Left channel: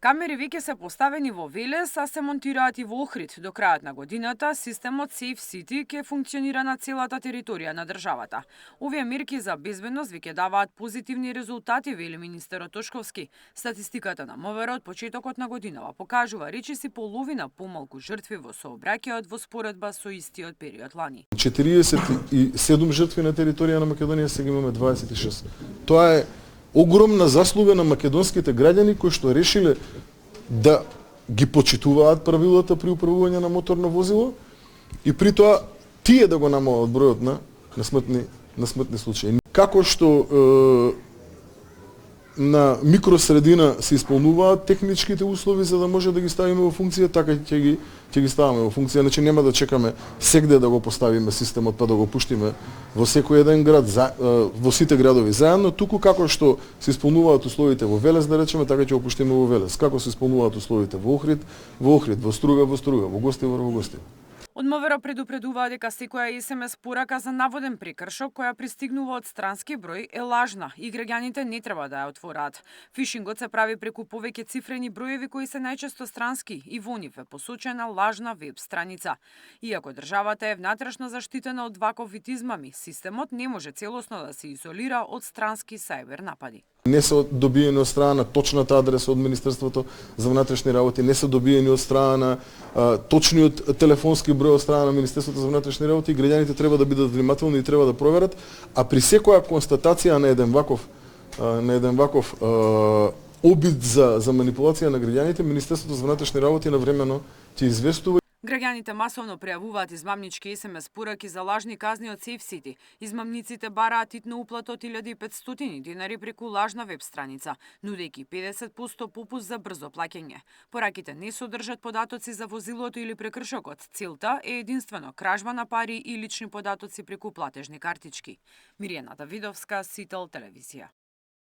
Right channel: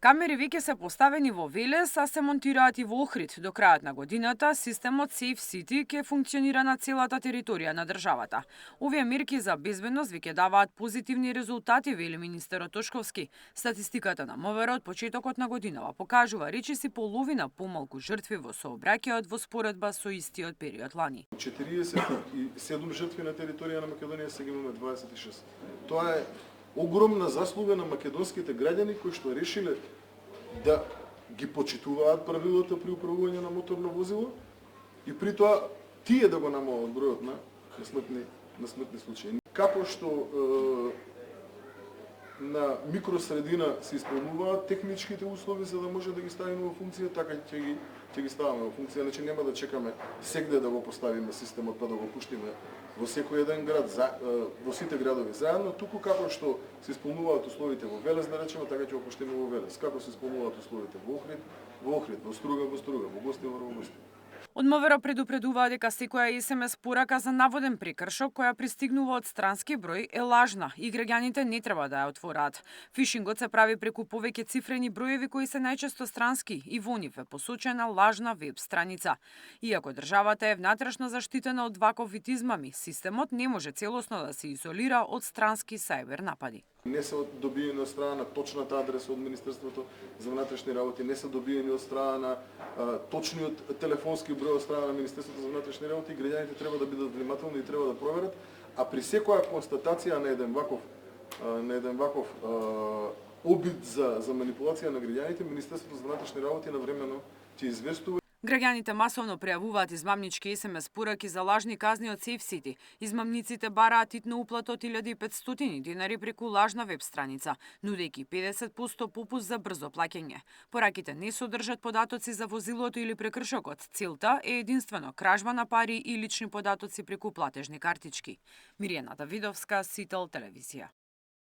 Камери веќе се поставени во Велес, а се монтираат и во Охрид. До крајот на годината, системот Safe City ќе функционира на целата територија на државата. Овие мерки за безбедност веќе даваат позитивни резултати, вели министерот Тошковски. Статистиката на МВР од почетокот на годинава покажува речиси половина помалку жртви во сообраќајот во споредба со истиот период лани. 47 жртви на територија на Македонија, сега имаме 26. Тоа е огромна заслуга на македонските граѓани кои што решиле да ги почитуваат правилата при управување на моторно возило и при тоа тие да го намалат бројот на смртни случаи. Како што на микросредина се исполнуваат техничките услови за да може да ги ставиме во функција, така ќе ги ставаме во функција. Значи нема да чекаме сегде да го поставиме системот па да го пуштиме во секој еден град, во сите градови заедно, туку како што се исполнуваат условите во Велес, да речеме, така ќе го пуштиме во Велес. Како се исполнуваат условите во Охрид, во Струга, во Гостивар, во Гостивар. Од МВР предупредуваа дека секоја SMS порака за наводен прекршок која пристигнува од странски број е лажна и граѓаните не треба да ја отвораат. Фишингот се прави преку повеќе цифрени броеви кои се најчесто странски и во нив е посочена лажна веб страница. Иако државата е внатрешно заштитена од ваков вид измами, системот не може целосно да се изолира од странски сајбер напади. Не се добиени од страна на точната адреса од Министерството за внатрешни работи, не се добиени од страна на точниот телефонски број од страна на Министерството за внатрешни работи и граѓаните треба да бидат внимателни и треба да проверат, а при секоја констатација на еден ваков обид за манипулација на граѓаните, Министерството за внатрешни работи навремено ќе известува. Граѓаните масовно пријавуваат измамнички SMS пораки за лажни казни од Safe City. Измамниците бараат итна уплата од 1500 динари преку лажна веб страница, нудејќи 50% попуст за брзо плаќање. Пораките не содржат податоци за возилото или прекршокот. Целта е единствено кражба на пари и лични податоци преку платежни картички. Миријана Давидовска, Сител телевизија.